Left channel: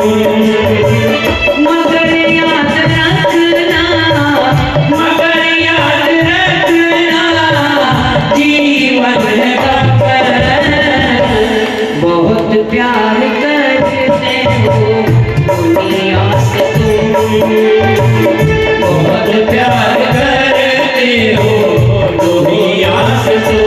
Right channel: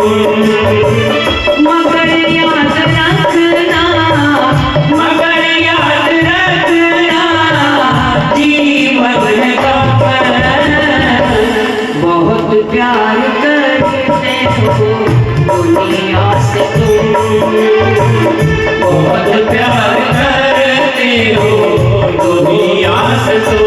मगर याद रखना, मगर याद रखना जीवन है सफर। बहुत प्यार करते हो दुनिया से तुम, बहुत प्यार करते हो दुनिया से तुम।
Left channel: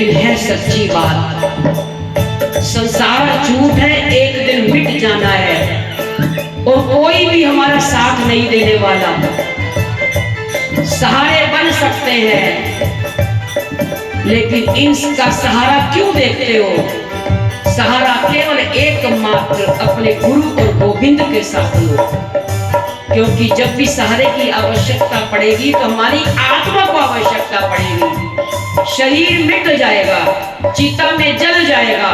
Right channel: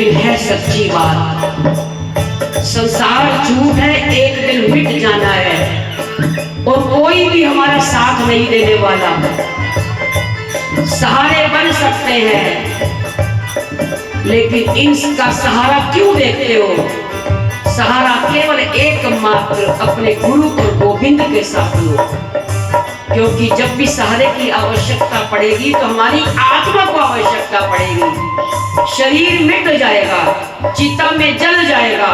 लेकिन है सच्ची बात, संसार झूठ है, एक दिन मिट जाना है और कोई भी हमारा साथ नहीं देने वाला। सहारे बन सकते हैं लेकिन इनका सहारा क्यों देखते हो? सहारा केवल एकमात्र अपने गुरु और गोविंद के साथ लो, क्योंकि जब भी सहारे की आवश्यकता पड़ेगी तो हमारी आत्मा को आवश्यकता पड़ेगी। शरीर मिट जाएगा, चिता में जल जाएगा।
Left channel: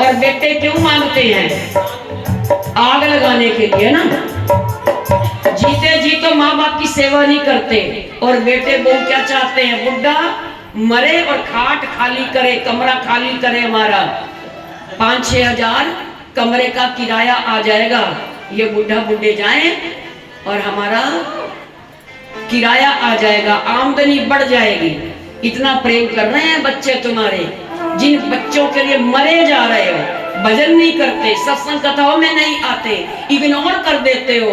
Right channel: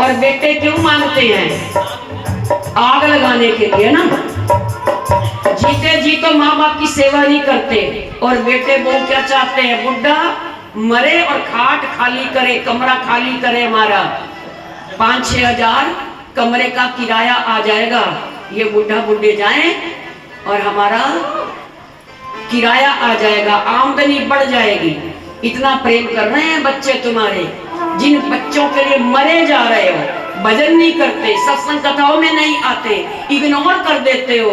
और बेटे क्यों मांगते हैं? आग लगाने के लिए ना। जीते जी तो माँ बाप की सेवा नहीं करते, और बेटे बहू क्या चाहते हैं? बुढ़ा मरे और खाट खाली करे, कमरा खाली करे। हमारा 5-6 हजार कमरे का किराया आ जाएगा, ये बुढ़ा बुढ़े जाएं और हमारा किराया आ जाएगा, आमदनी बढ़ जाएगी। इतना प्रेम कर रहे हैं बच्चे तुम्हारे, जिन बच्चों के लिए मरे जा रहे हो, भजन नहीं करते, सत्संग कथाओं में नहीं आते, इग्नोर कर देते हो।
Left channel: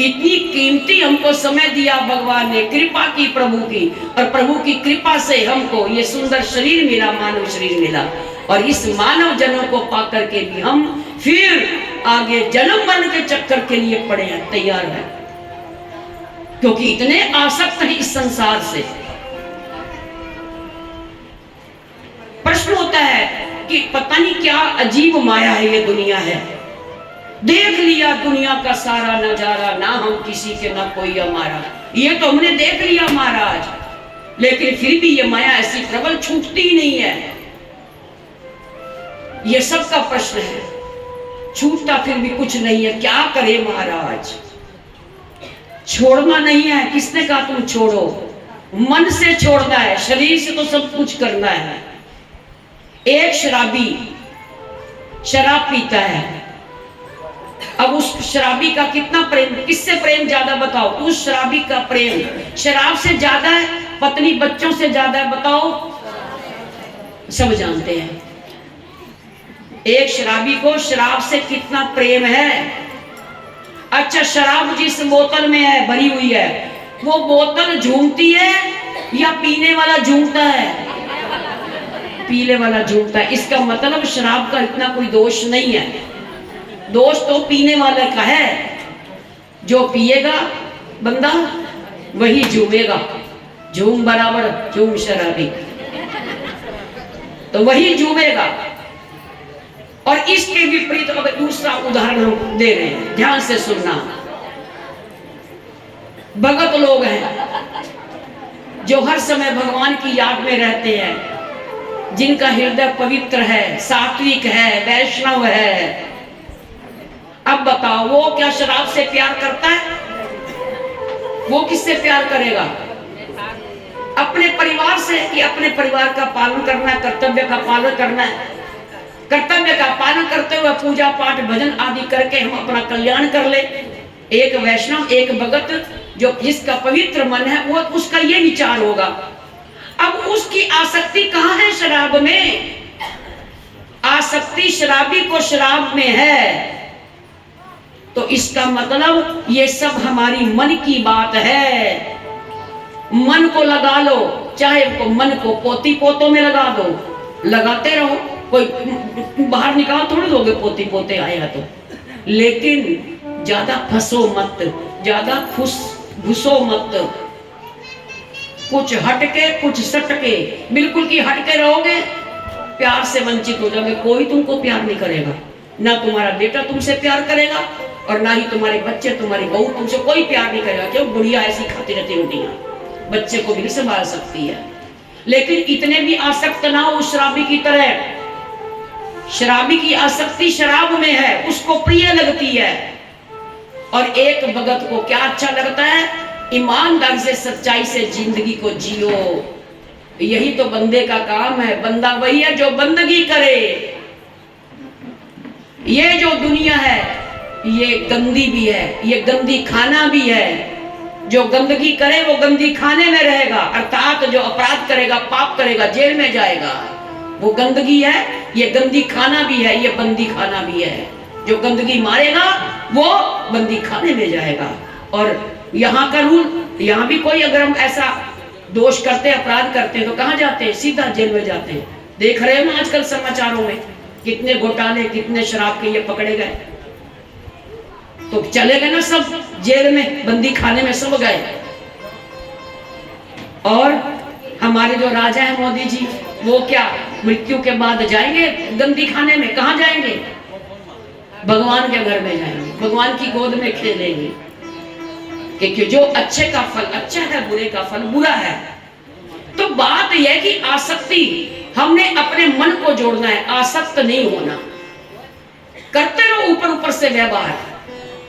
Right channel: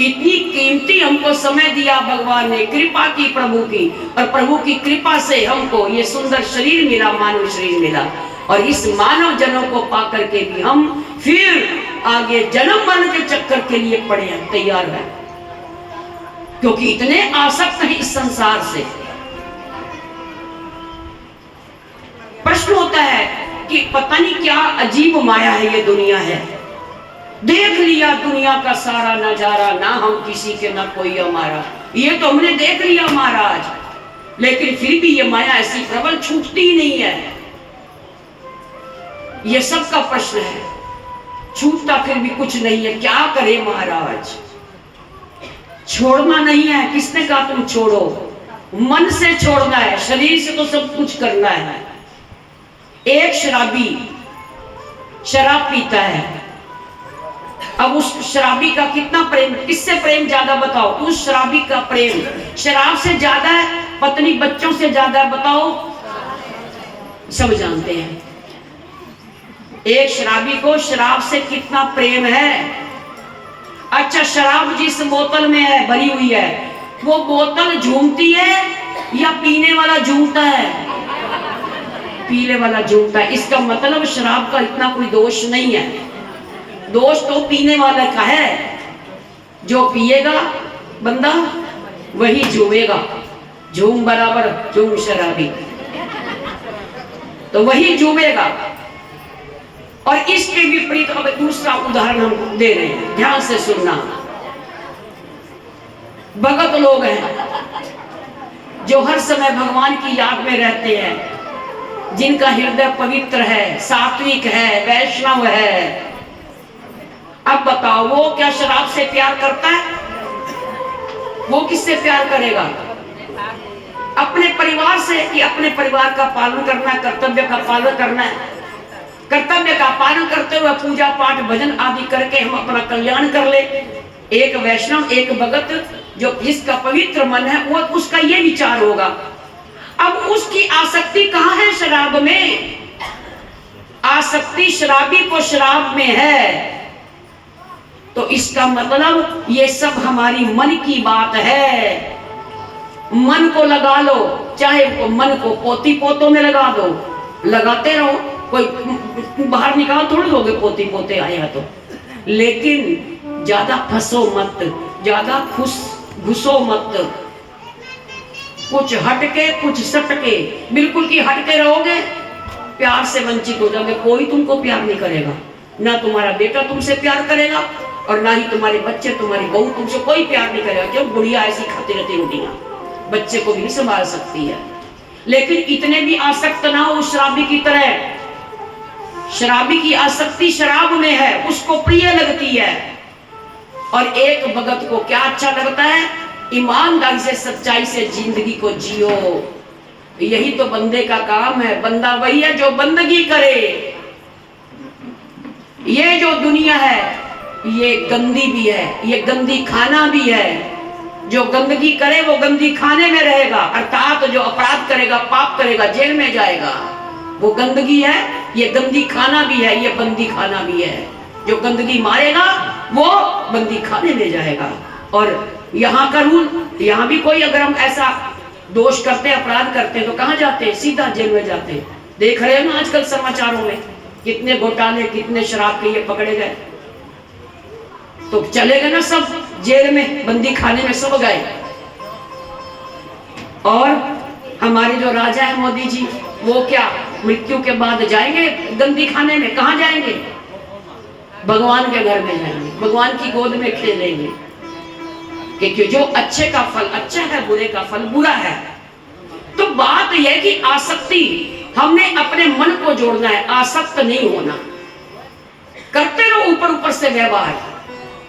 इतनी कीमती हमको समय दिया भगवान ने, कृपा की प्रभु की, और प्रभु की कृपा से हमको ये सुंदर शरीर मिला, मानव शरीर मिला। और इस मानव जनों को पा करके भी हम फिर आगे जन्म मरण के चक्कर के लिए पड़े हैं, तैयार है, क्योंकि इतने आसक्त हैं इस संसार से। प्रश्न होता है कि पता नहीं क्या अजीब माया है ये दुनिया है। देख लिया दुनिया का सारा नजारा, ना हम किसी के ना कोई हमारा, ये तो हमने देख लिया महाराज, लेकिन फिर भी ये माया ऐसी प्रबल छूटती ही नहीं है। ये सबका प्रश्न है, छूटता फिर भी कुछ नहीं है, क्या करे महाराज? छोड़ना नहीं है, किसने कहा तुम छोड़ो? मन से छोड़ना है, शरीर से तो सब कुछ करना है। एक शराबी शराब पीता है, अब उस शराबी का कितना प्रेम, किससे प्रेम ज्यादा बताओ? उस शराबी का प्रेम शराब से ज्यादा है, पत्नी बच्चों से ज्यादा है, बताओ? सब जानते हैं एक शराबी को शराब से कितना प्रेम है। अच्छा, शराब जिस बोतल में है, भरी हुई है, वो बोतल झूमती है या पीने वाला झूमता है? पीने वाला झूमता है। इसका मतलब शराब का इतना कोई दोष नहीं है, दोष तो पीने वाले का है। जो पिएगा बंदा वही झूमेगा, झूम बराबर झूम शराबी, तो वही झूमेगा। और इसके विपरीत अब दूसरा उदाहरण हम दे रहे हैं, ध्यान से सुनना। भगत लोग हैं जो हर समय भगवान की याद में रहते हैं, जिनका हृदय पवित्र है, सात्विक है, वैष्णव है। अब बताओ, वो क्या शराब से प्यार करता है? वो किससे प्यार करेगा? अपने परिवार से, कि अपने परिवार का पालन करना, कर्तव्य का पालन करना है। कर्तव्य का पालन करते हुए पूजा पाठ भजन आदि करके हम अपना कल्याण कर ले। एक वैष्णव, एक भगत जो जिसका पवित्र मन है, वो उसका ये विचार होगा। अब उसकी आसक्ति कहाँ है? शराब में। आसक्ति शराबी को शराब में है, तो इसका मतलब ये सब हमारी मन की बात है। मन को लगा लो, चाहे मन को पोती पोतों में लगा दो, लगाते रहो, कोई बाहर निकाल थोड़ी दोगे पोती पोते आएगा तो। लेकिन ज्यादा फंसो मत, ज्यादा घुसो मत, कुछ हटके कुछ सटके, बिल्कुल की हटके रहोगे प्यार से वंचित हो जाओगे। कोई तुमको प्यार नहीं करेगा, ना तुम्हारा बेटा तुमसे प्यार करेगा और ना ही तुम्हारे बच्चे, तुम्हारी बहू तुमसे कोई प्यार नहीं करेगा। क्यों? बुढ़िया ऐसी खाती रहती रोटियां, बच्चे को भी नहीं संभाल सकती है। लेकिन इतने भी आसक्त ना हो उस शराबी की तरह। शराबी की आसक्ति शराब में है, उसको प्रिय लगती है। और एक भगत को क्या अच्छा लगता है? ईमानदारी से, सच्चाई से जिंदगी को जियो। यही तो बंदे का काम है। बंदा वही है जो बंदगी करे। ये जो दुनिया है ये गंदी भी है, ये गंदी खाना भी है। जो गंदगी करे वो गंदी खाने में रहेगा, अर्थात जो अपराध करेगा, पाप करेगा, जेल में जाएगा। वो गंदगी है, ये गंदी खाना भी है, ये बंदी खाना भी है। जो गंदगी मारेगा वो बंदी खाने में जाएगा। और यहाँ का रूल, यहाँ भी कोई अगर हम ऐसा दोष करते हैं, अपराध करते हैं तो कहाँ जाते हैं? सीधा जेल में जाते हैं। देख रहे हो ना आजकल समाचारों में कितने घोटाले, कितने शराब के ये पकड़े गए, तो चले गए ना सब जेल में, बंदी खाने में सब गए। और हमारे जो राजा है मोदी जी, वो क्या मृत्यु के बाद जाएंगे गंदी खाने में? कहाँ जाएंगे? भगवान के घर में जाएंगे, भगवान की गोद में खेलेंगे। क्योंकि जो अच्छे का फल अच्छा है, बुरे का फल बुरा है। तो बात यह कि आसक्ति, हमने अपने मन को जोड़ना है, आसक्त नहीं होना। करते रहो ऊपर ऊपर से व्यवहार,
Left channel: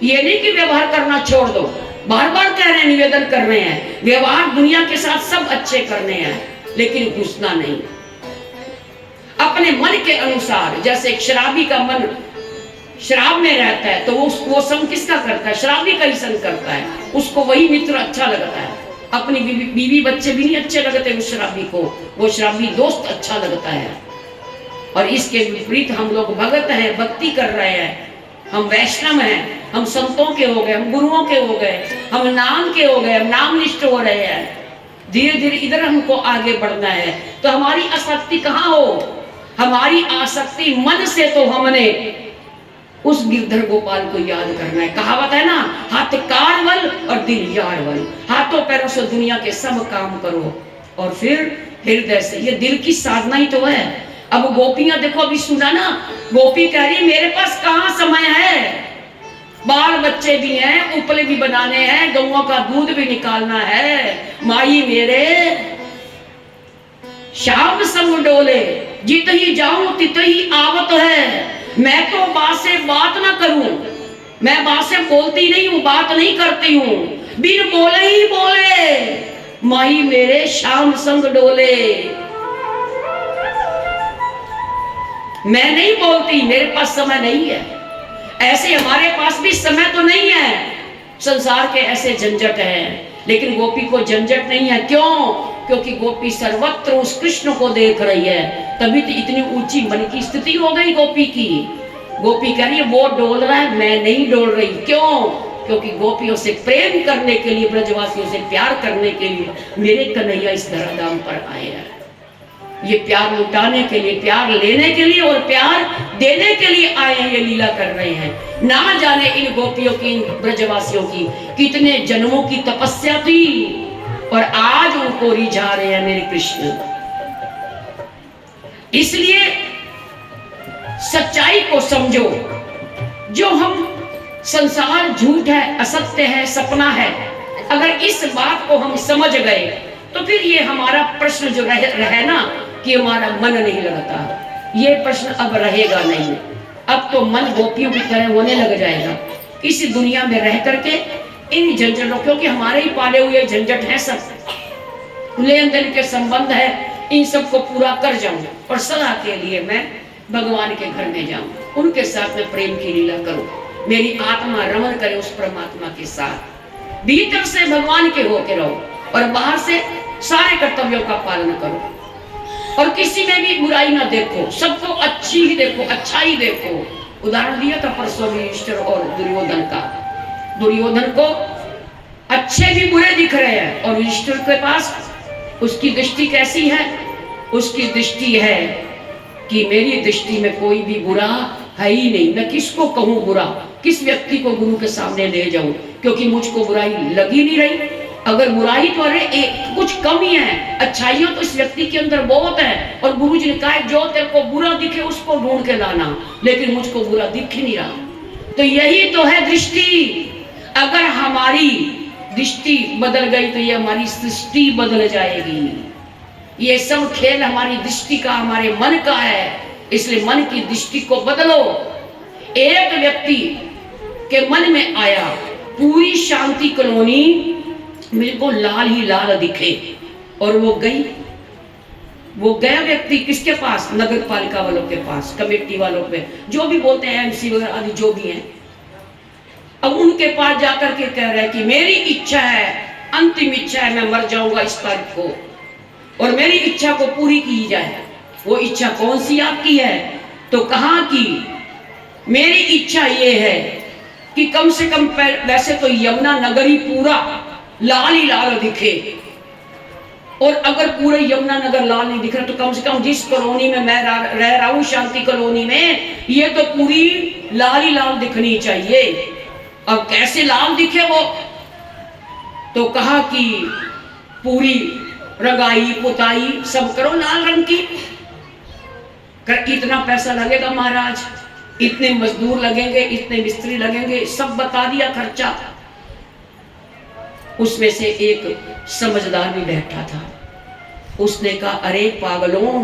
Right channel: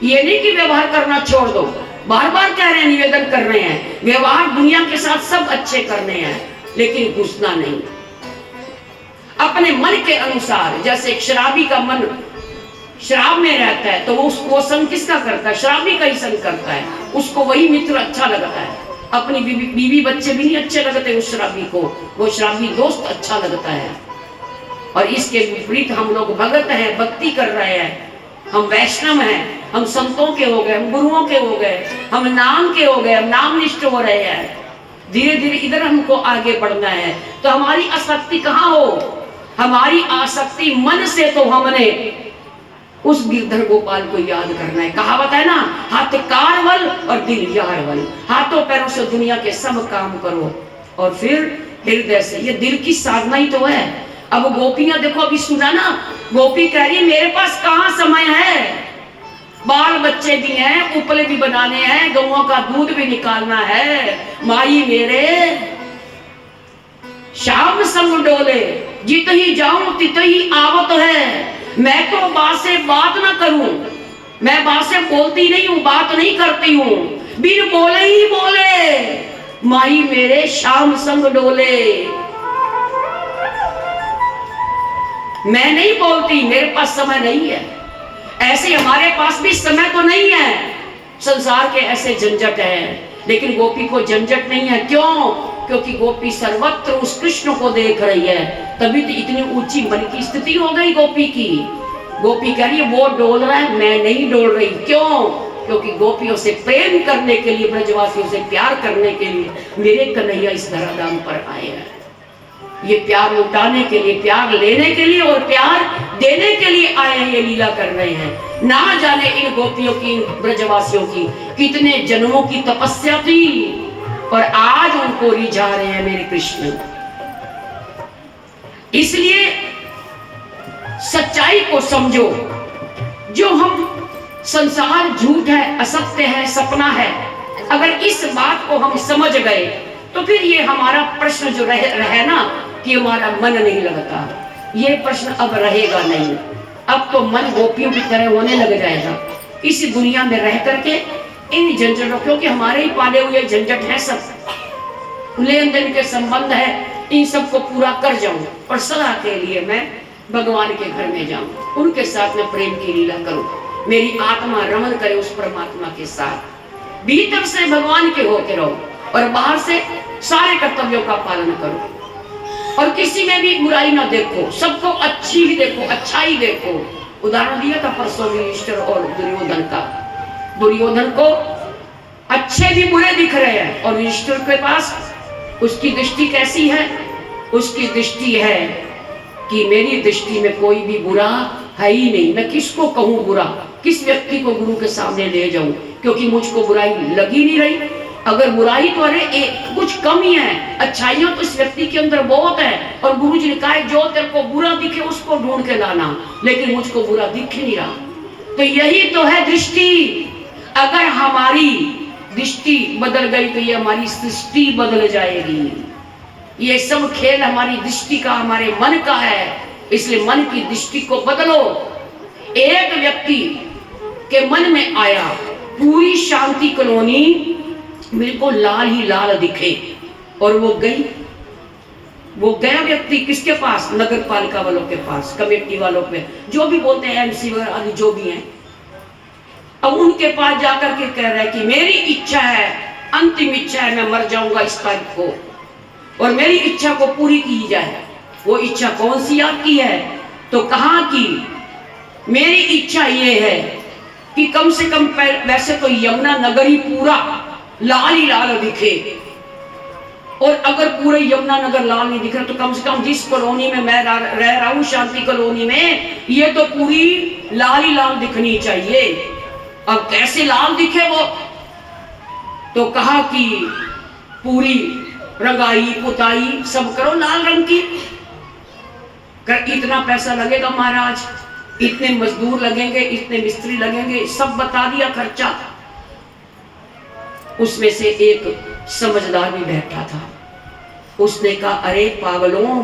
ये नहीं कि व्यवहार करना छोड़ दो। बार बार कह रहे हैं, निवेदन कर रहे हैं, व्यवहार दुनिया के साथ सब अच्छे करने हैं, लेकिन घुसना नहीं। अपने मन के अनुसार, जैसे एक शराबी का मन शराब में रहता है तो वो संग किसका करता है? शराबी का ही संग करता है। उसको वही मित्र अच्छा लगता है, अपनी बीवी बच्चे भी नहीं अच्छे लगते उस शराबी को, वो शराबी दोस्त अच्छा लगता है। और इसके विपरीत हम लोग भगत हैं, भक्ति कर रहे हैं, हम वैष्णव हैं, हम संतों के हो गए, हम गुरुओं के हो गए, हम नाम के हो गए, हम नाम निष्ठ हो रहे हैं। धीरे धीरे इधर हमको आगे बढ़ना है। तो हमारी आसक्ति कहाँ हो? हमारी आसक्ति मन से, तो हमने उस गिरधर गोपाल को याद करना है। कहावत है ना, हाथ कारवल और दिल यारवल। हाथों पैरों से दुनिया के सब काम करो और फिर हृदय से, ये दिल की साधना ही तो है। अब गोपियां देखो, अभी सुना ना, गोपी कह रही मेरे पास कहाँ समय है, बाल बच्चे भी हैं, उपले भी बनाने हैं, गौओं का दूध भी निकालना है, माई मेरे शाम संग डोले, जित ही जाऊं तित ही आवत है। मैं तो बात से बात ना करूं, मैं बात से बोलती नहीं हूं, बात नहीं करती हूं, बिन बोले ही बोले माई मेरे शाम संग डोले। मैं नहीं बोलती, मेरे पास समय नहीं है। ऐसे हमारे पास भी समय तो नहीं है, संसार के ऐसे झंझट है, लेकिन गोपी को झंझट नहीं है। क्यों? क्योंकि गोपी सर्वत्र उस कृष्ण को देख रही है, तभी तो इतनी ऊंची मन की स्थिति हो गई गोपी की। गोपी कह रही है वो डोल रहा है, मैं नहीं डोल रही। क्यों? क्योंकि गोपियों से प्रेम करने के लिए, ब्रजवासियों से प्यार करने के लिए मेरे कन्हैया इस धराधाम पर आए हैं। ये प्यार लुटाने के लिए, प्यार लेने के लिए और प्यार देने के लिए आए हैं, ये लीला कर रहे हैं। ना जाने इन गोपियों की, ब्रजवासियों की कितने जन्मों की तपस्या थी और आज उनको रिझा रहे हैं मेरे कृष्ण। इसलिए सच्चाई को समझो। जो हम संसार झूठ है, असत्य है, सपना है, अगर इस बात को हम समझ गए तो फिर ये हमारा प्रश्न जो रहे ना कि हमारा मन नहीं लगता, ये प्रश्न अब रहेगा नहीं। अब तो मन गोपियों की तरह होने लग जाएगा इस दुनिया में रह करके इन झंझटों, क्योंकि हमारे ही पाले हुए झंझट है, सब लेन देन के संबंध है, इन सबको पूरा कर जाऊं और सदा के लिए मैं भगवान के घर में जाऊं, उनके साथ में प्रेम की लीला करूं, मेरी आत्मा रमण करे उस परमात्मा के साथ। भीतर से भगवान के होते रहो और बाहर से सारे कर्तव्यों का पालन करो और किसी में भी बुराई ना देखो, सबको अच्छी ही देखो, अच्छा ही देखो। उदाहरण दिया था परसों युधिष्ठिर और दुर्योधन का। दुर्योधन को अच्छे भी बुरे दिख रहे हैं और युधिष्ठिर के पास उसकी दृष्टि कैसी है? उसकी दृष्टि है कि मेरी दृष्टि में कोई भी बुरा है ही नहीं, मैं किसको कहूं बुरा, किस व्यक्ति को गुरु के सामने ले जाऊं, क्योंकि मुझको बुराई लगी नहीं रही। अगर बुराई तो अरे कुछ कम ही है, अच्छाइयां तो इस व्यक्ति के अंदर बहुत है। और गुरु जी ने कहा जो तेरे को बुरा दिखे उसको ढूंढ के लाना, लेकिन मुझको बुरा दिख नहीं रहा। तो यही तो है दृष्टि। अगर हमारी दृष्टि बदल गई तो ये हमारी सृष्टि बदल जाएगी। ये सब खेल हमारी दृष्टि का, हमारे मन का है। इसलिए मन की दृष्टि को बदलो। एक व्यक्ति के मन में आया पूरी शांति कॉलोनी बिल्कुल लाल ही लाल दिखे और वो गया व्यक्ति किसके पास? नगर पालिका वालों के पास, कमेटी वालों पे, जो भी बोलते हैं एमसी वगैरह आदि जो भी हैं। अब उनके पास जाकर के कह रहे हैं कि मेरी इच्छा है, अंतिम इच्छा है, मैं मर जाऊंगा इस तारीख को और मेरी इच्छा को पूरी की जाए। वो इच्छा कौन सी आपकी है? तो कहा कि मेरी इच्छा ये है कि कम से कम वैसे तो यमुना नगर ही पूरा लाल ही लाल दिखे और अगर पूरे यमुनानगर लाल नहीं दिख रहा तो कम से कम जिस कॉलोनी में मैं रह रहा हूं, शांति कॉलोनी में, ये तो पूरी लाल ही लाल दिखनी चाहिए। अब कैसे लाल दिखे वो? तो कहा कि पूरी रंगाई पुताई सब करो लाल रंग की। इतना पैसा लगेगा महाराज, इतने मजदूर लगेंगे, इतने मिस्त्री लगेंगे, सब बता दिया खर्चा। उसमें से एक समझदार भी बैठा था, उसने कहा अरे पागलों,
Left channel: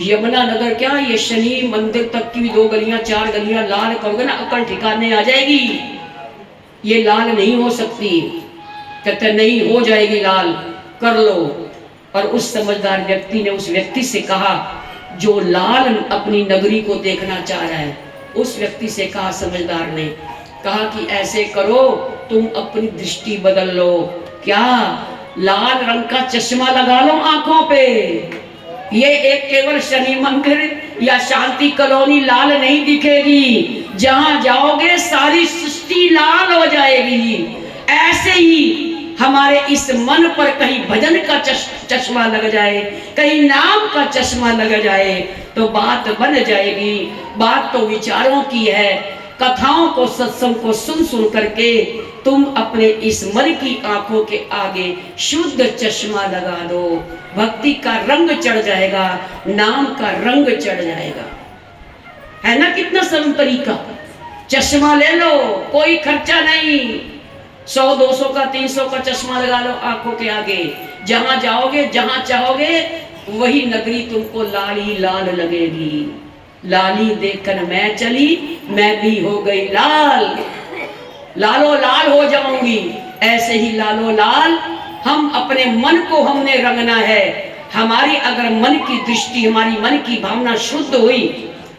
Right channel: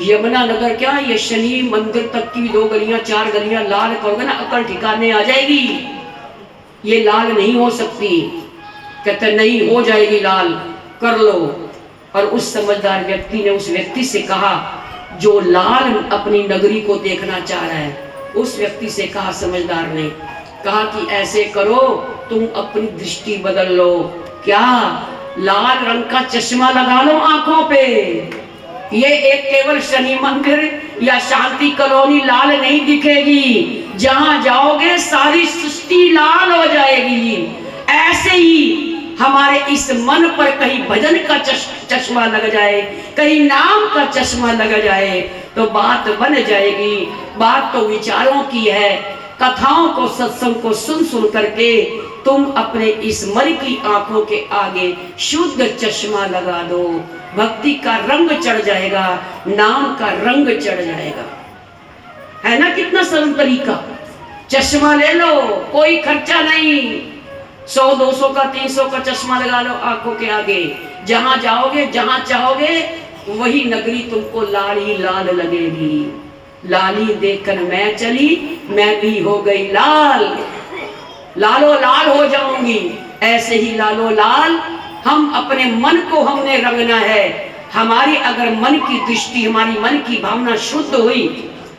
यमुनानगर क्या, ये शनि मंदिर तक की 2 गलियां 4 गलियां लाल करोगे ना, अकल ठिकाने आ जाएगी। ये लाल नहीं हो सकती। कहते नहीं, हो जाएगी लाल, कर लो। और उस समझदार व्यक्ति ने उस व्यक्ति से कहा जो लाल अपनी नगरी को देखना चाह रहा है, उस व्यक्ति से कहा, समझदार ने कहा कि ऐसे करो, तुम अपनी दृष्टि बदल लो। क्या? लाल रंग का चश्मा लगा लो आंखों पे। ये एक केवल शनि मंदिर या शांति कॉलोनी लाल नहीं दिखेगी, जहां जाओगे सारी सृष्टि लाल हो जाएगी। ऐसे ही हमारे इस मन पर कहीं भजन का चश्मा लग जाए, कहीं नाम का चश्मा लग जाए, तो बात बन जाएगी। बात तो विचारों की है। कथाओं को, सत्संग को सुन सुन करके तुम अपने इस मन की आंखों के आगे शुद्ध चश्मा लगा दो। भक्ति का रंग चढ़ जाएगा, नाम का रंग चढ़ जाएगा। है ना कितना सरल तरीका? चश्मा ले लो, कोई खर्चा नहीं। 100, 200 का, 300 का चश्मा लगा लो आंखों के आगे। जहां जाओगे, जहां चाहोगे, वही नगरी तुमको लाल ही लाल लगेगी। लाली देखकर मैं चली, मैं भी हो गई लाल, लालो लाल हो जाऊंगी। ऐसे ही लालो लाल हम अपने मन को हमने रंगना है। हमारी अगर मन की दृष्टि, हमारी मन की भावना शुद्ध हुई,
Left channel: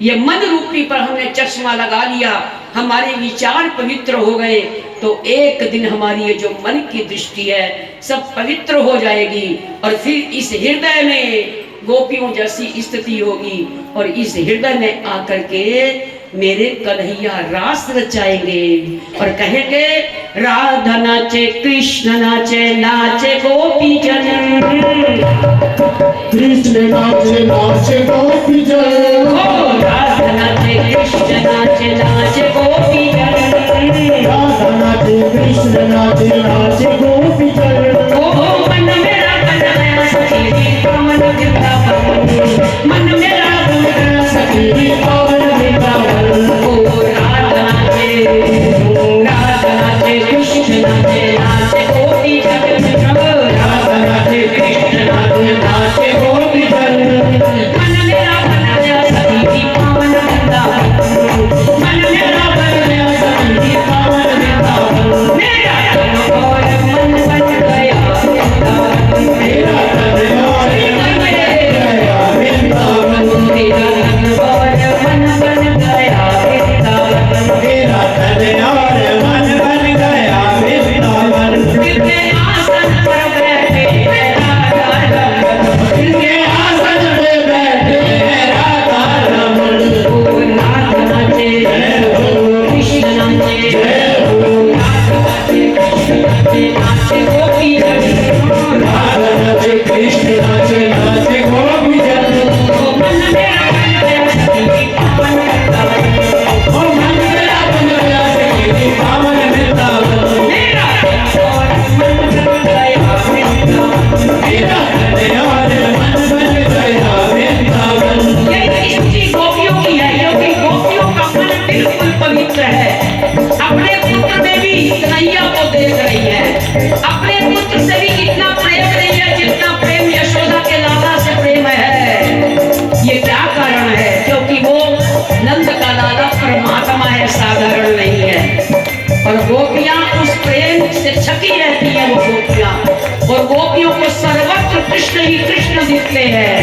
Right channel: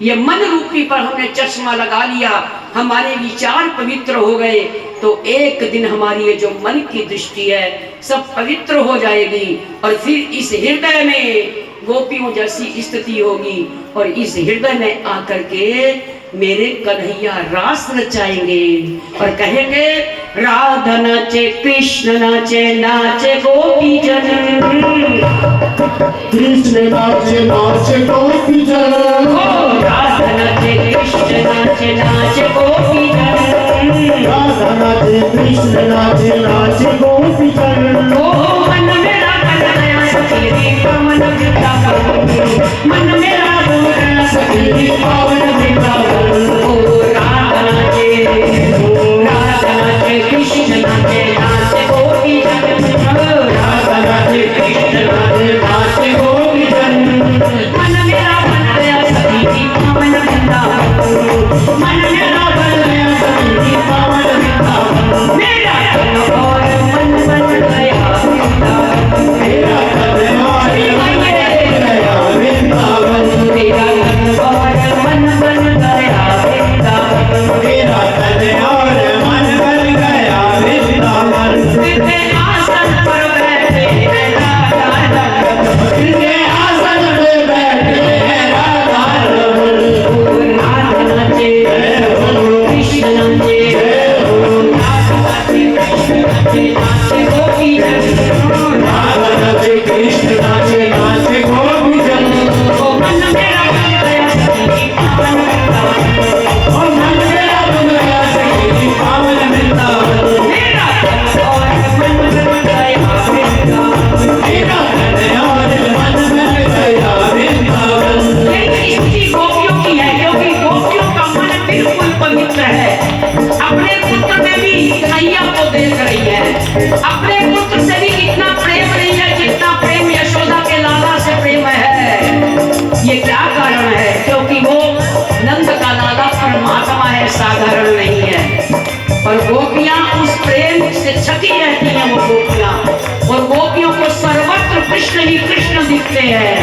ये मन रूपी पर हमने चश्मा लगा लिया, हमारे विचार पवित्र हो गए, तो एक दिन हमारी ये जो मन की दृष्टि है सब पवित्र हो जाएगी। और फिर इस हृदय में गोपियों जैसी स्थिति होगी, और इस हृदय में आकर के मेरे कन्हैया रास रचाएंगे और कहेंगे राधा नाचे कृष्ण नाचे, नाचे गोपी जन, कृष्ण नाचे नाचे गोपी जन, राधा नाचे कृष्ण नाचे, नाचे गोपी जन, राधा नाचे कृष्ण नाचे, नाचे गोपी जन। मन मेरा बन गया सखी पावन वृंदावन, मन मेरा बन गया सखी पावन वृंदावन। राधा नाचे कृष्ण नाचे, नाचे गोपी जन, राधा नाचे कृष्ण नाचे, नाचे गोपी जन। मन मेरा बन गया सखी पावन वृंदावन, मन मेरा बन गया सखी पावन वृंदावन। मेरा तन और मन बन गया वृंदावन, मेरा तन और मन बन गया वृंदावन, मेरा तन और मन बन गया वृंदावन, मेरा तन और मन बन गया वृंदावन। विद्या आसन पर बैठे राधा रमन, जिनके आसन पे बैठे हैं राधा रमन। राधा नाचे कृष्ण नाचे, राधा नाचे कृष्ण नाचे, नाचे गोपी जन, राधा नाचे कृष्ण नाचे, नाचे गोपी जन। मन मेरा बन गया सखी पावन वृंदावन, ओ मन मेरा बन गया सखी पावन वृंदावन, मेरा तन और मन बन गया वृंदावन। मेरा तन और मन बन गया वृंदावन। ये स्थिति गोपियों की है, क्योंकि गोपियों का मन बिल्कुल पवित्र है। अपने पुत्र में भी कन्हैया को देख रही है, अपने पुत्र से भी इतना प्रेम नहीं है जितना प्रेम यशोदा के लाला से प्रेम है। ये क्या कारण है? क्योंकि वो नंद का लाला परमात्मा है, साधारण नहीं है। और गोपियां उस प्रेम से छकी रहती हैं वो गोपियां, और गोपियों को सर्वत्र कृष्ण ही कृष्ण दिखते हैं।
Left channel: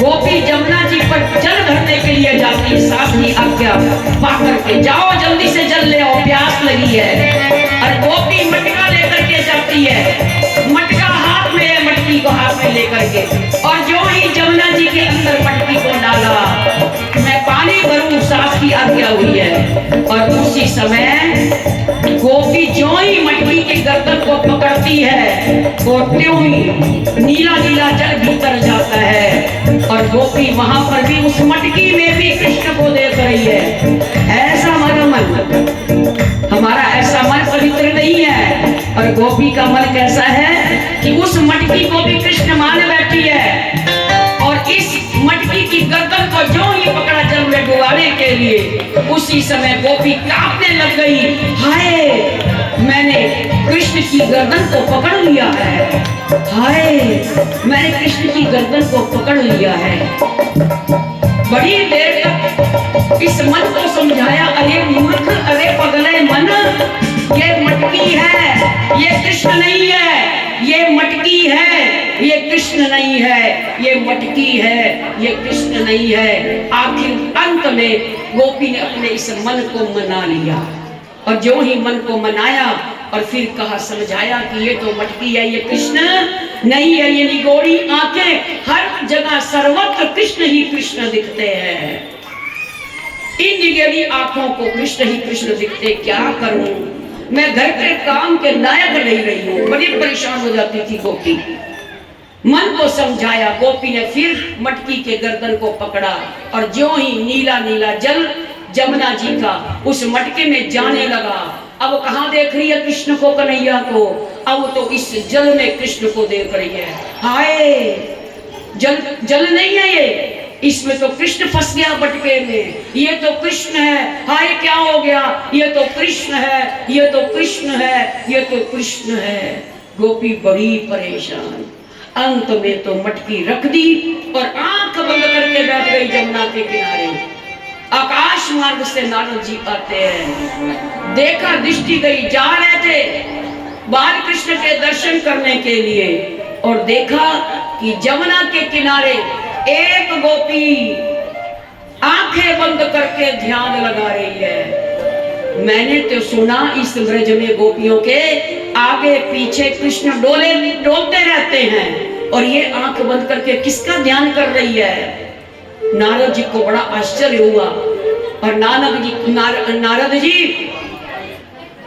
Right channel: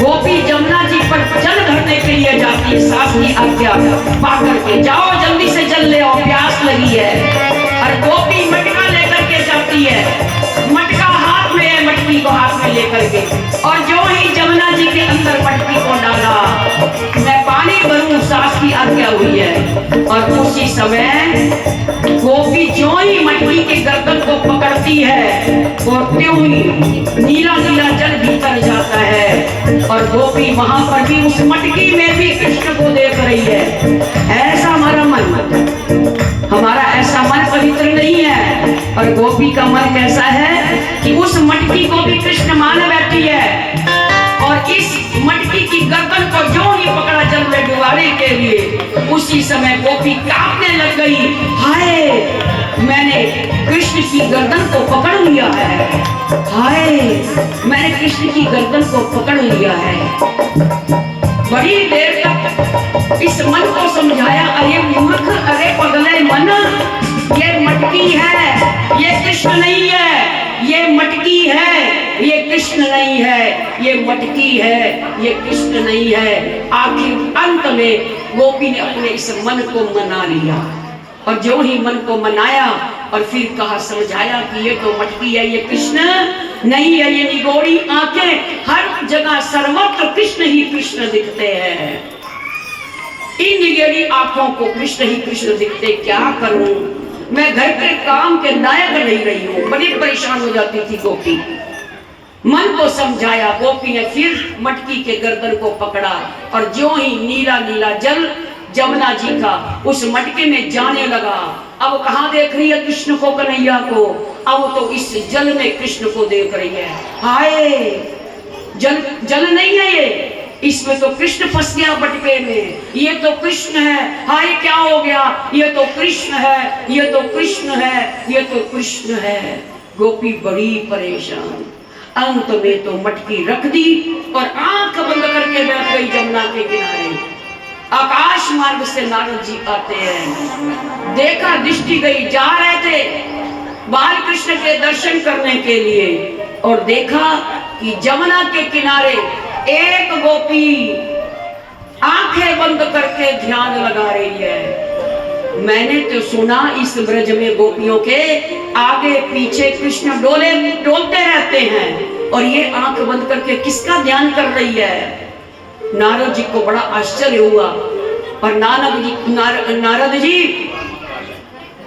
गोपी जमुना जी पर जल भरने के लिए जाती है, सास की आज्ञा पाकर के, जाओ जल्दी से जल ले आओ, प्यास लगी है। और गोपी मटका लेकर के जाती है, मटका हाथ में है, मटकी को हाथ में लेकर के, और जो ही जमुना जी के अंदर मटकी को डाला, मैं पानी भरूं, सास की आज्ञा हुई है। और उसी समय गोपी जो ही मटकी के गर्दन को पकड़ती है, और त्यों ही नीला नीला जल भीतर जाता है और गोपी वहां पर भी उस मटकी में भी कृष्ण को देख रही है। ऐसा हमारा मन, हमारा ऐसा मन पवित्र नहीं है। और गोपी का मन कैसा है कि उस मटकी को भी कृष्ण मान बैठी है और इस मटकी की गर्दन को जो ही पकड़ा जल में डुबाने के लिए, उसी समय गोपी कांपने लग गई। हाय, मैंने कृष्ण की गर्दन को पकड़ लिया है, हाय मैंने कृष्ण की गर्दन को पकड़ लिया है। बड़ी देर तक इस मन को समझाया, अरे मूर्ख, अरे पगले मन, ये मटकी है, ये कृष्ण नहीं है, ये मटकी है, ये कृष्ण नहीं है, ये मटकी है, ये कृष्ण नहीं है। आखिर अंत में गोपी ने अपने इस मन को मना लिया और जो ही मन को मनाया और फिर कहा, समझाया कि ये तो मटकी है, ये कृष्ण नहीं है, ये निगोड़ी आंखें, हर जगह सर्वत्र कृष्ण ही कृष्ण दिखते हैं। इन निगेड़ी आंखों को कृष्ण ही कृष्ण दिखते, क्या करूं मैं, घर के काम के लायक नहीं रही हूं। बड़ी परेशान हो जाती थी गोपी। मन को समझाया, गोपी ने फिर मटकी के गर्दन को पकड़ा और जो ही नीला नीला जल जमुना जी का उस मटके में जाने लगा। अब कहाँ देख रही है कृष्ण को, कन्हैया को, अब तो इस जल में कृष्ण को देख रही है। हाय, जल नहीं है ये, इसमें तो कृष्ण फंस गया मटके में, ये तो कृष्ण है, हाय क्या हो गया, ये तो कृष्ण है, ये तो कृष्ण है, ये तो कृष्ण है। गोपी बड़ी परेशान, अंत में तो मटकी रख दी और आंख बंद करके बैठ गई जमुना के किनारे। आकाश मार्ग से नारद जी आते हैं, देखा, दृष्टि गई, जा रहे थे बाल कृष्ण के दर्शन करने के लिए और देखा कि जमुना के किनारे एक गोपी आंखें बंद करके ध्यान लगा रही है। मैंने तो सुना इस ब्रज में गोपियों के आगे पीछे कृष्ण डोलते रहते हैं और ये आंख बंद करके किसका ध्यान कर रही है। नारद जी को बड़ा आश्चर्य हुआ और नारद जी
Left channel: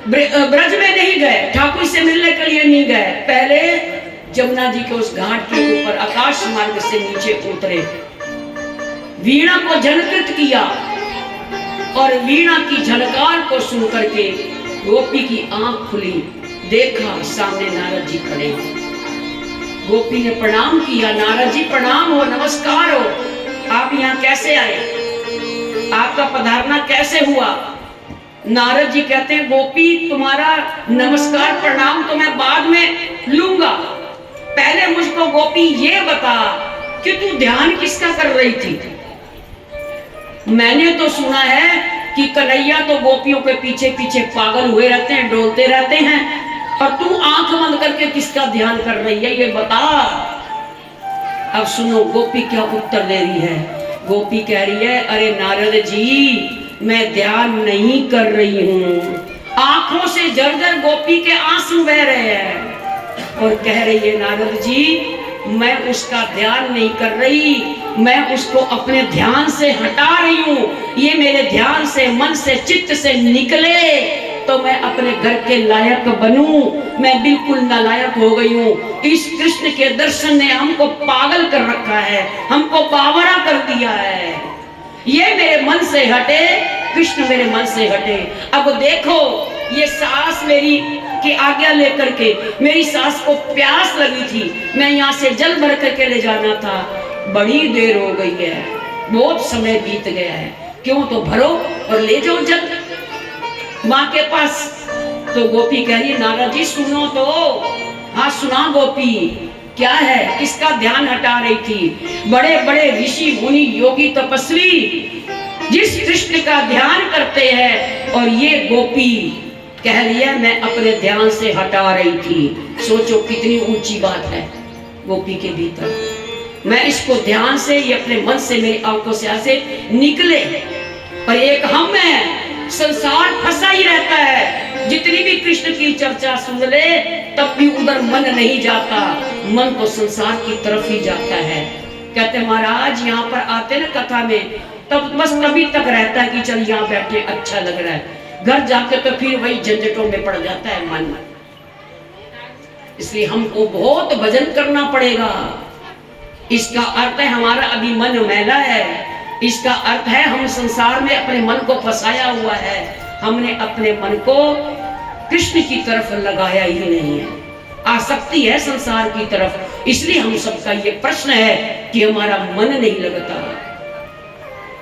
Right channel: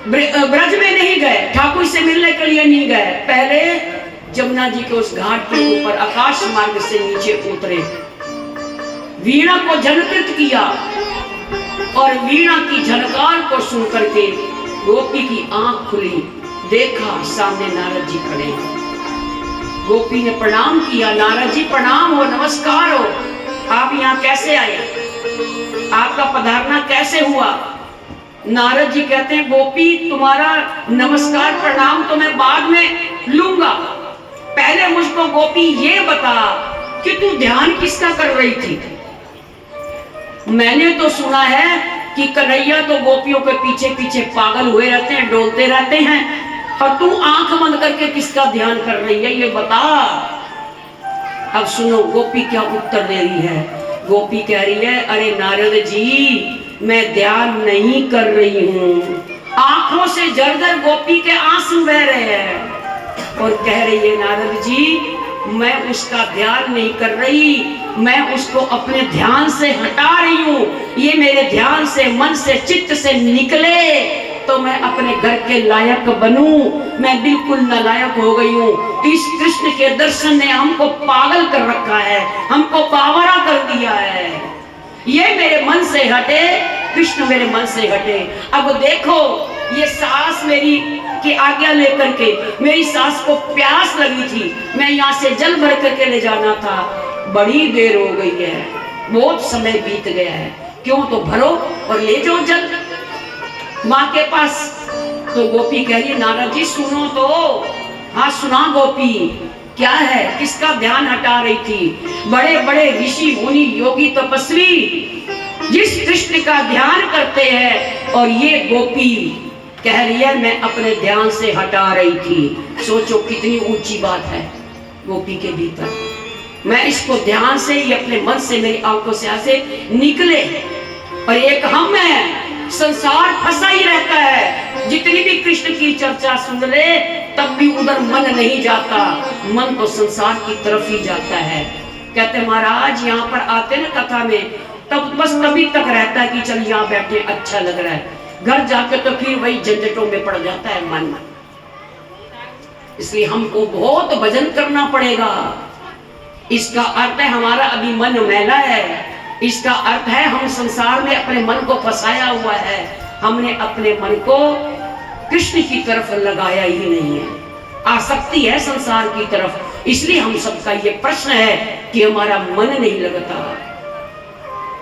ब्रज में नहीं गए, ठाकुर से मिलने के लिए नहीं गए, पहले जमुना जी के उस घाट के ऊपर आकाश मार्ग से नीचे उतरे, वीणा को झनकृत किया और वीणा की झनकार को सुन करके गोपी की आंख खुली, देखा सामने नारद जी खड़े। गोपी ने प्रणाम किया, नारद जी प्रणाम हो, नमस्कार हो, आप यहाँ कैसे आए, आपका पधारना कैसे हुआ। नारद जी कहते हैं, गोपी तुम्हारा नमस्कार प्रणाम तो मैं बाद में लूंगा, पहले मुझको गोपी ये बता कि तू ध्यान किसका कर रही थी। मैंने तो सुना है कि कन्हैया तो गोपियों के पीछे पीछे पागल हुए रहते हैं, डोलते रहते हैं, और तू आंख बंद करके किसका ध्यान कर रही है, ये बता। अब सुनो गोपी क्या उत्तर दे रही है। गोपी कह रही है, अरे नारद जी मैं ध्यान नहीं कर रही हूँ। आंखों से जर्जर गोपी के आंसू बह रहे हैं और कह रही है, नारद जी मैं उसका ध्यान नहीं कर रही, मैं उसको अपने ध्यान से हटा रही हूँ। ये मेरे ध्यान से, मन से, चित्त से निकले तो मैं अपने घर के लायक बनूं, मैं बिल्कुल नालायक हो गई हूँ। इस कृष्ण के दर्शन ने हमको पागल कर रखा है, हमको बावरा कर दिया है। ये मेरे मन से हटे, कृष्ण मेरे मन से हटे। अब देखो ये सास मेरी की आज्ञा लेकर के, मेरी सास को प्यास लगी थी, मैं यहाँ से जल भर करके ले जाना था, बड़ी देर हो गई है, बहुत समय बीत गया है, क्यों तो भरो और ले जाओ जल माँ के पास। तो गोपी कह रही है, नारद जी सुनो तो। हाँ सुना गोपी, क्या है, किसका ध्यान हटा रही थी। बड़े बड़े ऋषि मुनि योगी तपस्वी जिस कृष्ण का ध्यान करते हैं, और ये गोपी कह रही है मैं अपने ध्यान से हटा रही थी। सोचो कितनी ऊंची बात है गोपी के भीतर। मैं इसको ध्यान से, ये अपने मन से, मेरी आंखों से ऐसे निकले, और एक हम है, संसार फंसा ही रहता है, जितनी भी कृष्ण की चर्चा सुन ले तब भी उधर मन नहीं जाता, मन तो संसार की तरफ ही जाता है। कहते महाराज यहाँ पर आते ना कथा में, तब बस तभी तक रहता है कि चल यहाँ बैठे अच्छा लग रहा है, घर जाके तो फिर वही झंझटों में पड़ जाता है मन। इसलिए हमको बहुत भजन करना पड़ेगा। इसका अर्थ है हमारा अभी मन मैला है, इसका अर्थ है हम संसार में अपने मन को फंसाया हुआ है, हमने अपने मन को कृष्ण की तरफ लगाया ही नहीं है, आसक्ति है संसार की तरफ। इसलिए हम सबका ये प्रश्न है कि हमारा मन नहीं लगता,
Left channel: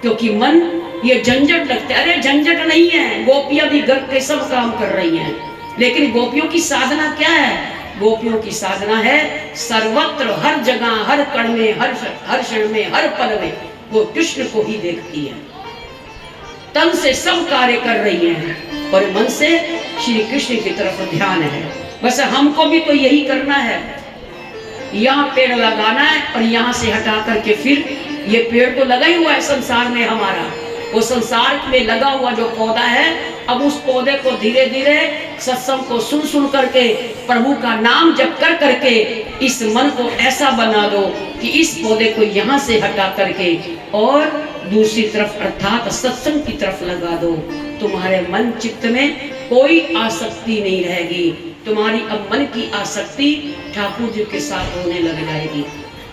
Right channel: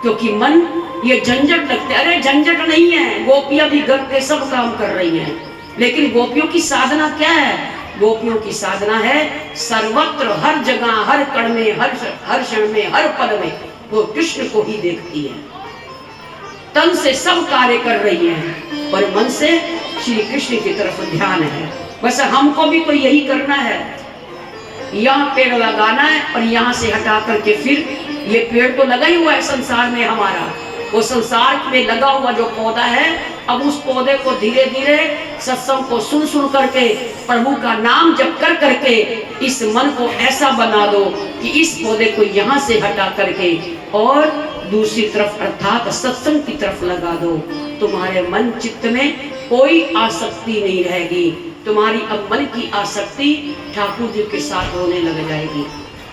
क्योंकि मन ये झंझट लगते। अरे झंझट नहीं है, गोपियां भी घर के सब काम कर रही हैं, लेकिन गोपियों की साधना क्या है? गोपियों की साधना है सर्वत्र, हर जगह, हर कण में, हर क्षण में, हर पल में वो कृष्ण को ही देखती है। तन से सब कार्य कर रही है और मन से श्री कृष्ण की तरफ ध्यान है। बस हमको भी तो यही करना है, यहाँ पेड़ लगाना है और यहाँ से हटा करके फिर ये पेड़ तो लगा ही हुआ है संसार में हमारा, वो संसार में लगा हुआ जो पौधा है, अब उस पौधे को धीरे धीरे सत्संग को सुन सुन करके, प्रभु का नाम जप कर करके इस मन को ऐसा बना दो कि इस पौधे को यहाँ से हटा करके और दूसरी तरफ अर्थात सत्संग की तरफ लगा दो। तुम्हारे मन चित्त में कोई आसक्ति नहीं रहेगी, तुम्हारी अब मन की आसक्ति ठाकुर जी के साथ होने लग जाएगी।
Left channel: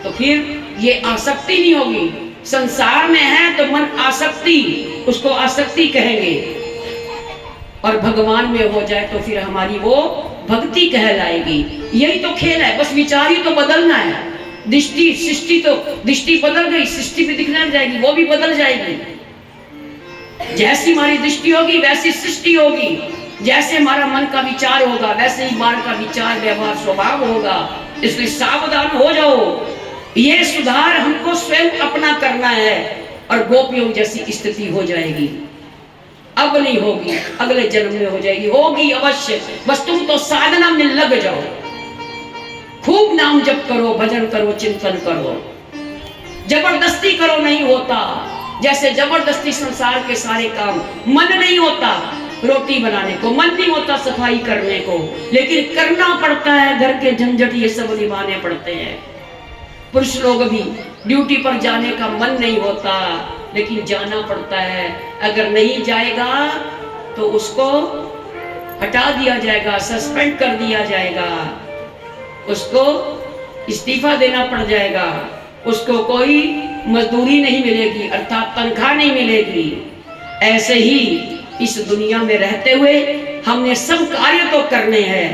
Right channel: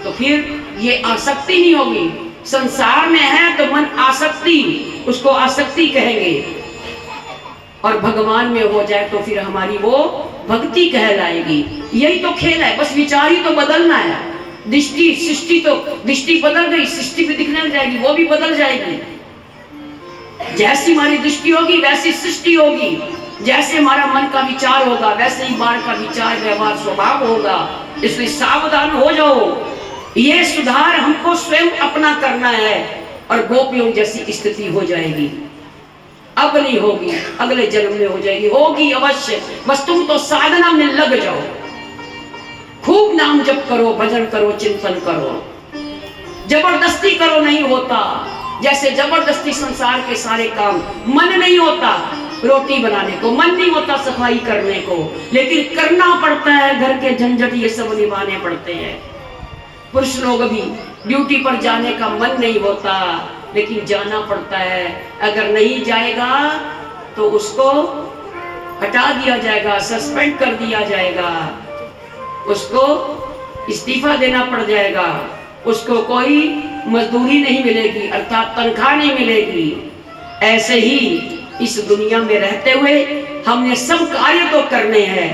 तो फिर ये आसक्ति नहीं होगी, संसार में है तो मन आसक्ति, उसको आसक्ति कहेंगे, और भगवान में हो जाए तो फिर हमारी वो भक्ति कहलाएगी। यही तो खेल है, बस विचार ही तो बदलना है। दृष्टि सृष्टि तो दृष्टि बदल गई, सृष्टि भी दिखने लग जाएगी, वो भी बदल जाएगी। जैसी हमारी दृष्टि होगी वैसी सृष्टि होगी, जैसे हमारा मन का विचार होगा वैसे ही मन का विचार व्यवहार स्वभाव होगा। इसलिए सावधान हो जाओ, ये सुधार हमको स्वयं अपना करना है और गोपियों जैसी स्थिति हो जाएगी। अब नहीं होगी, अगले जन्म में हो जाएगी, होगी अवश्य। बस तुम तो साधना में लग जाओ, खूब नाम जप करो, भजन करो, चिंतन करो, जबरदस्ती करो नहीं होता। जैसे जबरदस्ती संसार के सारे काम, मन नहीं होता रोटी बनाने को, मन नहीं होता सफाई करने को, लेकिन करना पड़ता है, घर के झंझट ये सब निभाने पड़ते हैं। पुरुष लोग भी ड्यूटी पर जाने का मन नहीं होता, लेकिन जाना पड़ता है। अगर नहीं जाएगा तो उसको हटा दिया जाएगा, सस्पेंड कर दिया जाएगा, उसको इस्तीफा देना पड़ जाएगा, उसको कोई मजदूरी नहीं मिलेगी अर्थात तनख्वाह नहीं मिलेगी। ऐसे ही इस दुनिया में रहते हुए हमने सब कार्य तो करने हैं,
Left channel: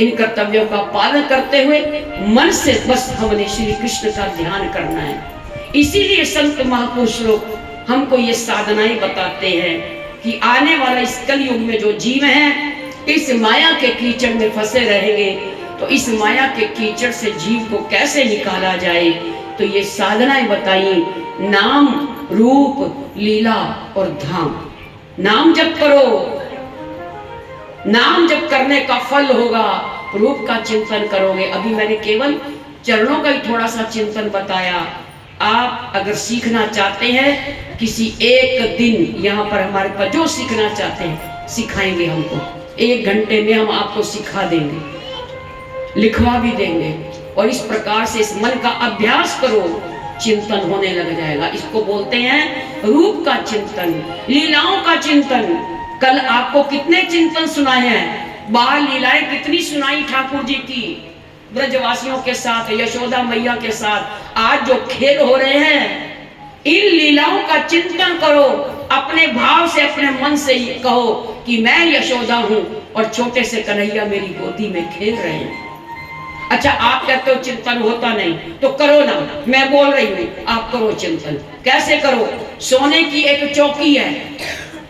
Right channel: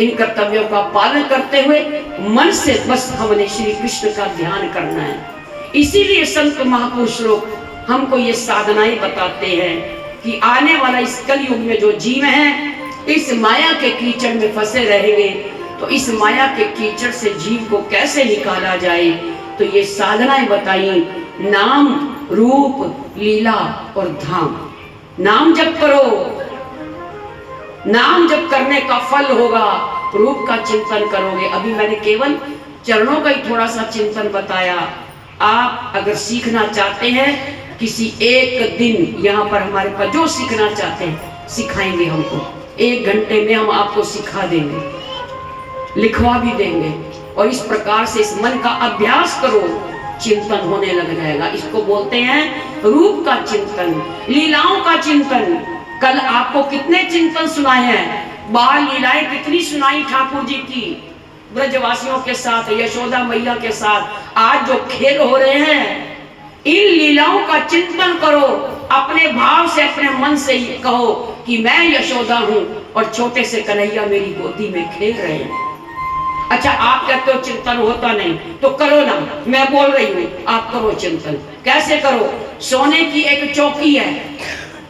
इन कर्तव्यों का पालन करते हुए मन से बस हमने श्री कृष्ण का ध्यान करना है। इसीलिए संत महापुरुष लोग हमको ये साधनाएं बताते हैं कि आने वाला इस कलयुग में जो जीव हैं इस माया के कीचड़ में फंसे रहेंगे, तो इस माया के कीचड़ से जीव को कैसे निकाला जाए, तो ये साधनाएं बताई, नाम रूप लीला और धाम। नाम जप करो, नाम जप करने का फल होगा, रूप का चिंतन करोगे। अभी मैंने केवल चरणों का ही थोड़ा सा चिंतन बताया। आप अगर सीखना चाहते हैं किसी एक दिन यहाँ पर हमारे पास, जो सीखना चाहते हैं सिखाएंगे हमको, 1 घंटे में हम आपको सिखा देंगे, लिखवा भी देंगे। और इस प्रकार से इस मन का अभ्यास करो, चिंतन होने लग जाएगा। इसको बोलते हैं रूप का चिंतन, लीलाओं का चिंतन। कल आपको कितने चिंतन सुनाए हैं, बाल लीलाएं कितनी सुनाई ठाकुर जी की ब्रजवासियों के साथ, यशोदा मैया के साथ। आज जो खेल हो रहे हैं, इन लीलाओं का चिंतन करो, अपने भाव से अपने मन से कहो कि मैं यशोदा हूँ और छोटे से कन्हैया मेरी गोदी में खेल रहे हैं। अच्छा, आप कहते हो चिंतन होता नहीं, तो करो ना, मैं बोल रही हूँ आप करो चिंतन। कैसे करो? सोने की एक चौकी है,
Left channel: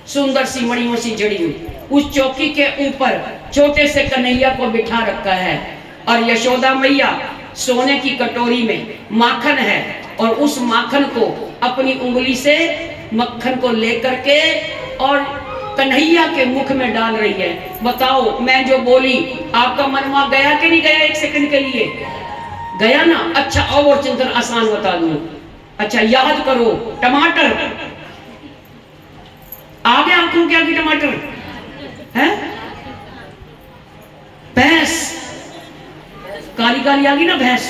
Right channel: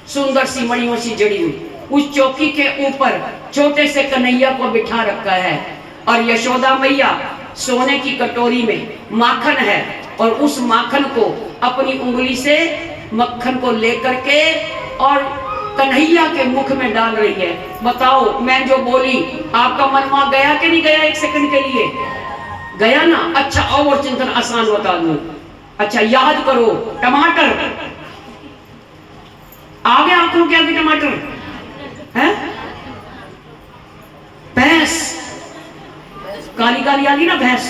सुंदर सी मणियों से जड़ी हुई, उस चौकी के ऊपर छोटे से कन्हैया को बिठा रखा है और यशोदा मैया सोने की कटोरी में माखन है और उस माखन को अपनी उंगली से मक्खन को लेकर के और कन्हैया के मुख में डाल रही है। बताओ, मैं जो बोली आपका मन वहां गया कि नहीं गया? 1 सेकंड के लिए गया ना? अच्छा, और चिंतन आसान बता दूं। अच्छा, याद करो, टमाटर आ गया आंखों के आगे, टमाटर है, भैंस काली काली आ गई ना भैंस।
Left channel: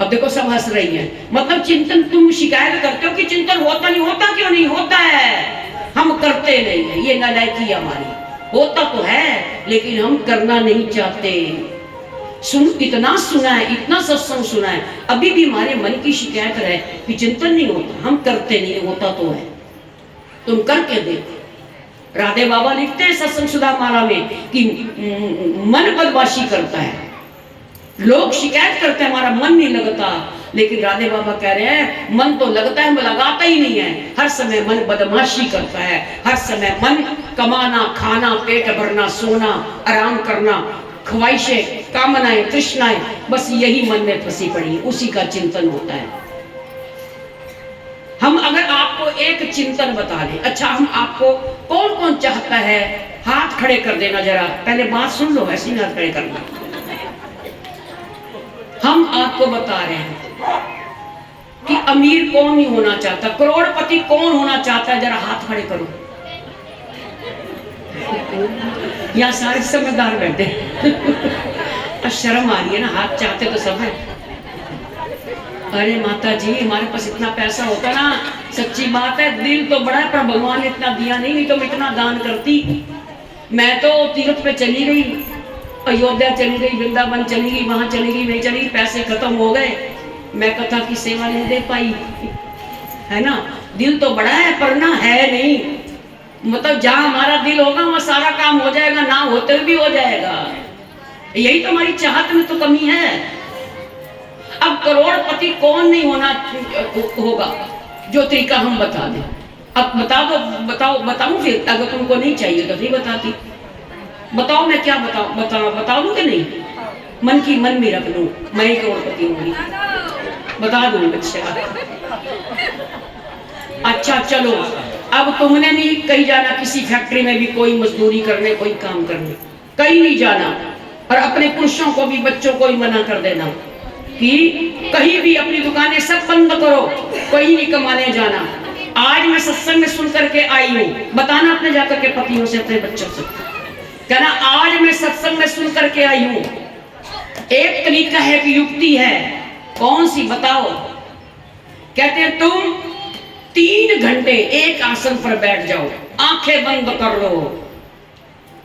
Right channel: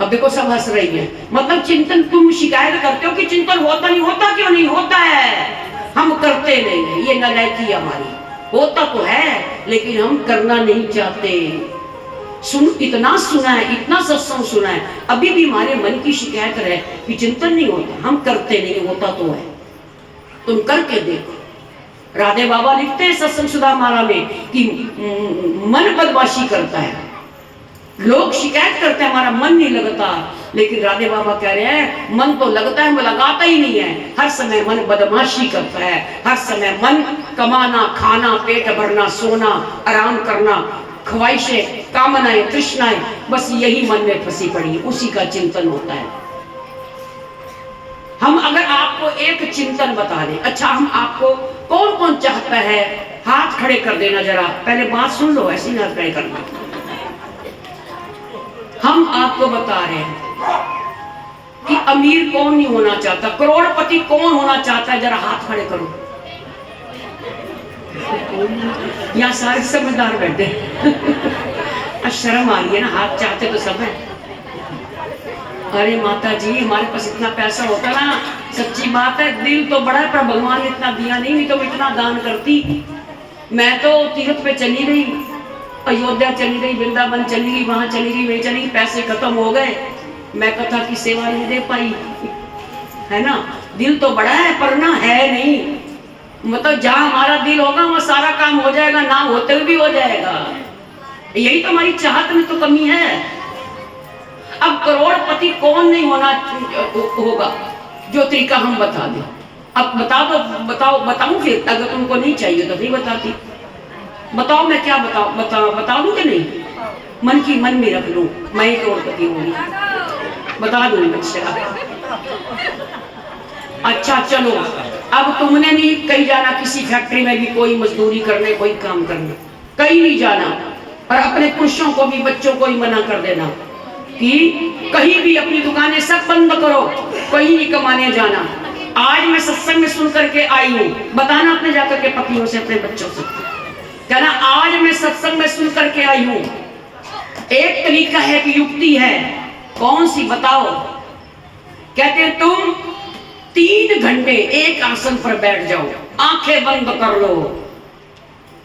अब देखो सब हंस रही है। मतलब चिंतन, तुम शिकायत करते हो कि चिंतन होता नहीं, होता क्यों नहीं होता है? हम करते नहीं है, ये नालायकी हमारी। होता तो है लेकिन हम करना नहीं चाहते। इतना सुना है, इतना सत्संग सुना है, अभी भी हमारे मन की शिकायत है कि चिंतन नहीं होता, हम करते नहीं, होता तो है। तुम करके देखो। राधे बाबा लिखते हैं सत्संग सुधा माला में कि मन बदमाशी करता है। लोग शिकायत करते हैं हमारा मन नहीं लगता, लेकिन राधे बाबा कह रहे हैं मन तो लगता है, लगाता ही नहीं है। हर समय मन बदमाशी करता है, हर समय मन कमाना, खाना, पेट भरना, सोना, आराम करना, ख्वाहिशें, कामनाएं, तृष्णाएं, बस यही मन में फंसी पड़ी, उसी का चिंतन होता है। हम अगर आपको एक चिंतन बता दें, अच्छा हम आपको कौन कौन चाहता है, हाथ खड़े कर देना जरा, पहले बात सुन लो, ऐसे हाथ खड़े करना। हम आपको बता रहे हैं कि अमीर कौन नहीं होना चाहता, करोड़पति कौन होना चाहता है, जरा हाथ खड़े करो। यहाँ सारे समझदार बैठे शर्म आ रही है ना, हाथ चाहते तो सब है। अरे माता जी हमारे पास इतना पैसा होता ना, सच्ची बात है दिल तो बड़ा है, पर भगवान ने इतना दिया नहीं तो मैं इतना दान करती। मैं तो तीर्थ पे चली गई, अयोध्या चली गई, वृंदावन चली गई, वहां चली गई, वही चली गई, पैसे खत्म हो गए, मैं कथा की सेवा नहीं दे पाई, है ना। दिल तो बड़ा है पर ना है नहीं, मतलब जहां हमारा दिल होगा वहां सारा काम हो जाएगा, ना होते भी हो जाएगा। यही तो हमारी चाहत में तो कमी है। अब करोड़पति कौन नहीं होना होगा, जो तरीका हम बता दें। अब बता दो, बताऊं फिर, अगर तुमको नहीं चाहिए तो फिर बताती। बताओ मैं क्या बता दूं कि नहीं, मन की मन में रख लूं, मैं ही करोड़पति होंगी, बता दूं बच्चा। अच्छा चलो, अब तुमने नहीं कहीं जाना, किसी फैक्ट्री में भी कोई मजदूरी करने, कोई काम करने कहीं नहीं जाना, और अपने पुरुषों को भी, बच्चों को ही मना कर देना कि कहीं भी अपनी दुकानें सब बंद करो, कहीं नहीं कमाने जाना। आज मैं सत्संग में सुन करके आई हूँ, बताना अपने जाकर के पतियों से, अपने बच्चों से, कहना आज मैं सत्संग में सुन करके आई हूँ। एक तरीका है कि युक्ति है, कौन सी बताओ? कहते हैं तुम 3 घंटे एक आसन पर बैठ जाओ, आंखें बंद कर लो,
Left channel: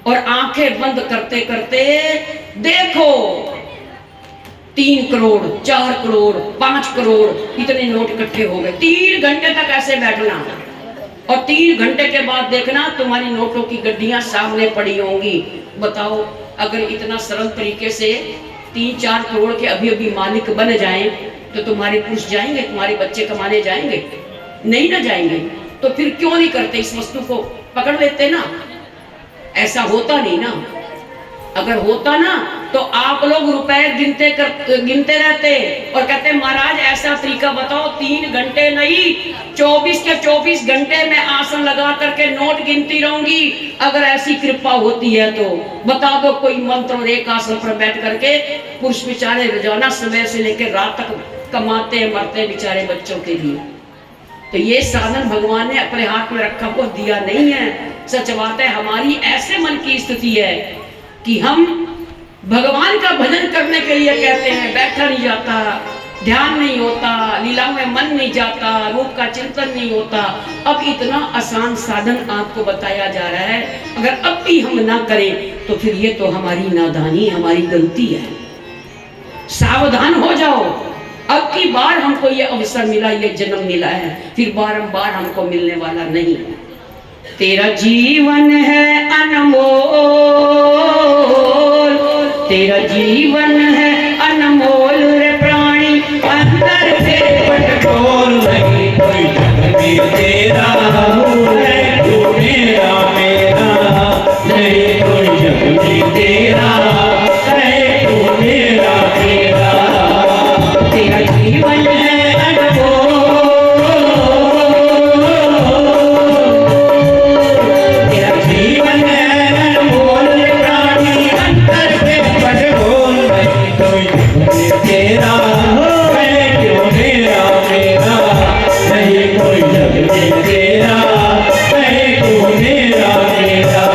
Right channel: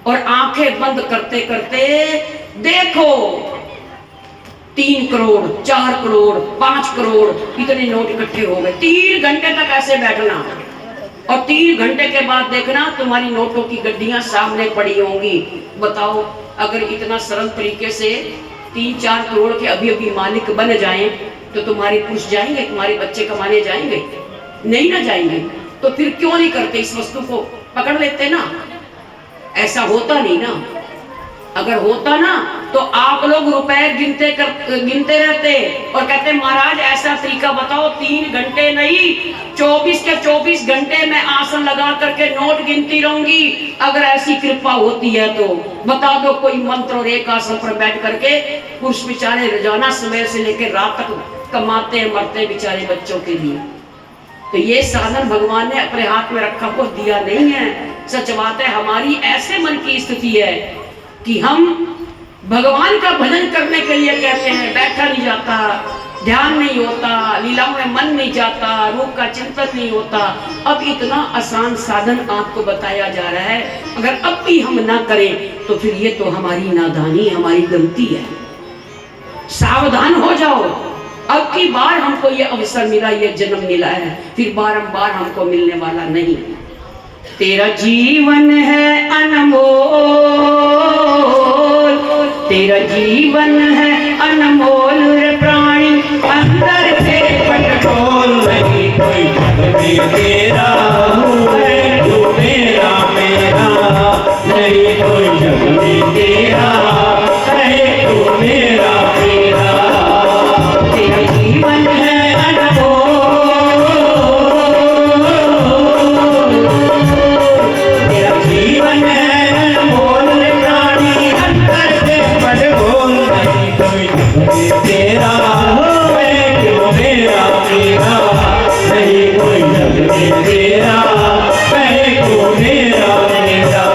और आंखें बंद करते करते देखो 3 करोड़, 4 करोड़, 5 करोड़ इतने नोट इकट्ठे हो गए। 3 घंटे तक ऐसे बैठना, और 3 घंटे के बाद देखना तुम्हारी नोटों की गड्डियां सामने पड़ी होंगी। बताओ अगर इतना सरल तरीके से 3-4 करोड़ के अभी अभी मालिक बन जाएं तो तुम्हारे पुरुष जाएंगे, तुम्हारे बच्चे कमाने जाएंगे? नहीं ना जाएंगे। तो फिर क्यों नहीं करते, इस वस्तु को पकड़ लेते ना। ऐसा होता नहीं ना, अगर होता ना तो आप लोग रुपए गिनते रहते और कहते महाराज ऐसा तरीका बताओ, 3 घंटे नहीं 24 के 24 घंटे में आसन लगा करके नोट गिनती रहूंगी। अगर ऐसी कृपा होती है तो बता दो कोई मंत्र, और एक आसन पर बैठ करके पुरुष बेचारे रोजाना समय से लेकर रात तक कमाते मरते बेचारे बच्चों के लिए। तो ये साधन भगवान ने अपने हाथ में रखा को दिया नहीं है। सच बात है, हमारी ऐसे मन की स्थिति है कि हम भगवान का भजन करने के लिए कहते हैं, बैठा नहीं जाता, ध्यान नहीं होता, लीलाओं में मन नहीं जाता, रूप का चिंतन नहीं होता। अब इतना आसान साधन आपको बताया जा रहा है, अगर अब भी हम ना करें तो फिर ये तो हमारी नादानी, हमारी गलती है। सावधान हो जाओ, अब की बार हमको ये अवसर मिला, ये जन्म मिला है, फिर बारंबार हमको मिलने वाला नहीं। तेरा जीवन है अनमोल, तेरा जीवन है अनमोल रे प्राणी, अंदर से पटकोल नहीं कोई जग में तेरा है, तू मेरा मेरा नहीं कोई जग में तेरा है, तू मेरा मेरा। तेरा जीवन है अनमोल, तेरा जीवन है अनमोल रे प्राणी, अंदर से पटकोल नहीं कोई जग में तेरा है, तू मेरा मेरा नहीं कोई जग में तेरा है, तू मेरा मेरा।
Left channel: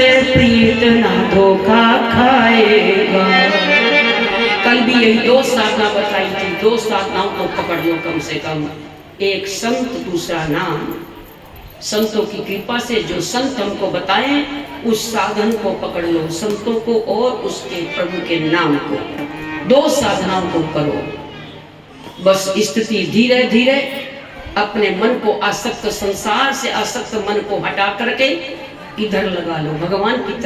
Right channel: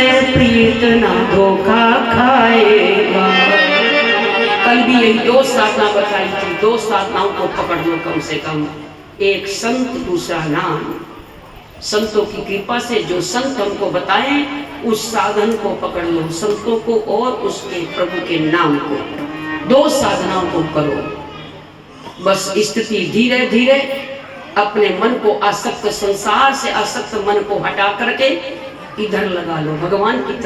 से प्रीत ना धोखा खाएगा। कल भी यही 2 साधना बताई थी। 2 साधनाओं को पकड़ लो कम से कम। एक संत, दूसरा नाम। संतों की कृपा से जो संत हमको बताएं उस साधन को पकड़ लो, संतों को और उसके प्रभु के नाम को। 2 साधनाओं को करो। बस स्थिति धीरे धीरे अपने मन को आसक्त, संसार से आसक्त मन को हटा करके इधर लगा लो, भगवान की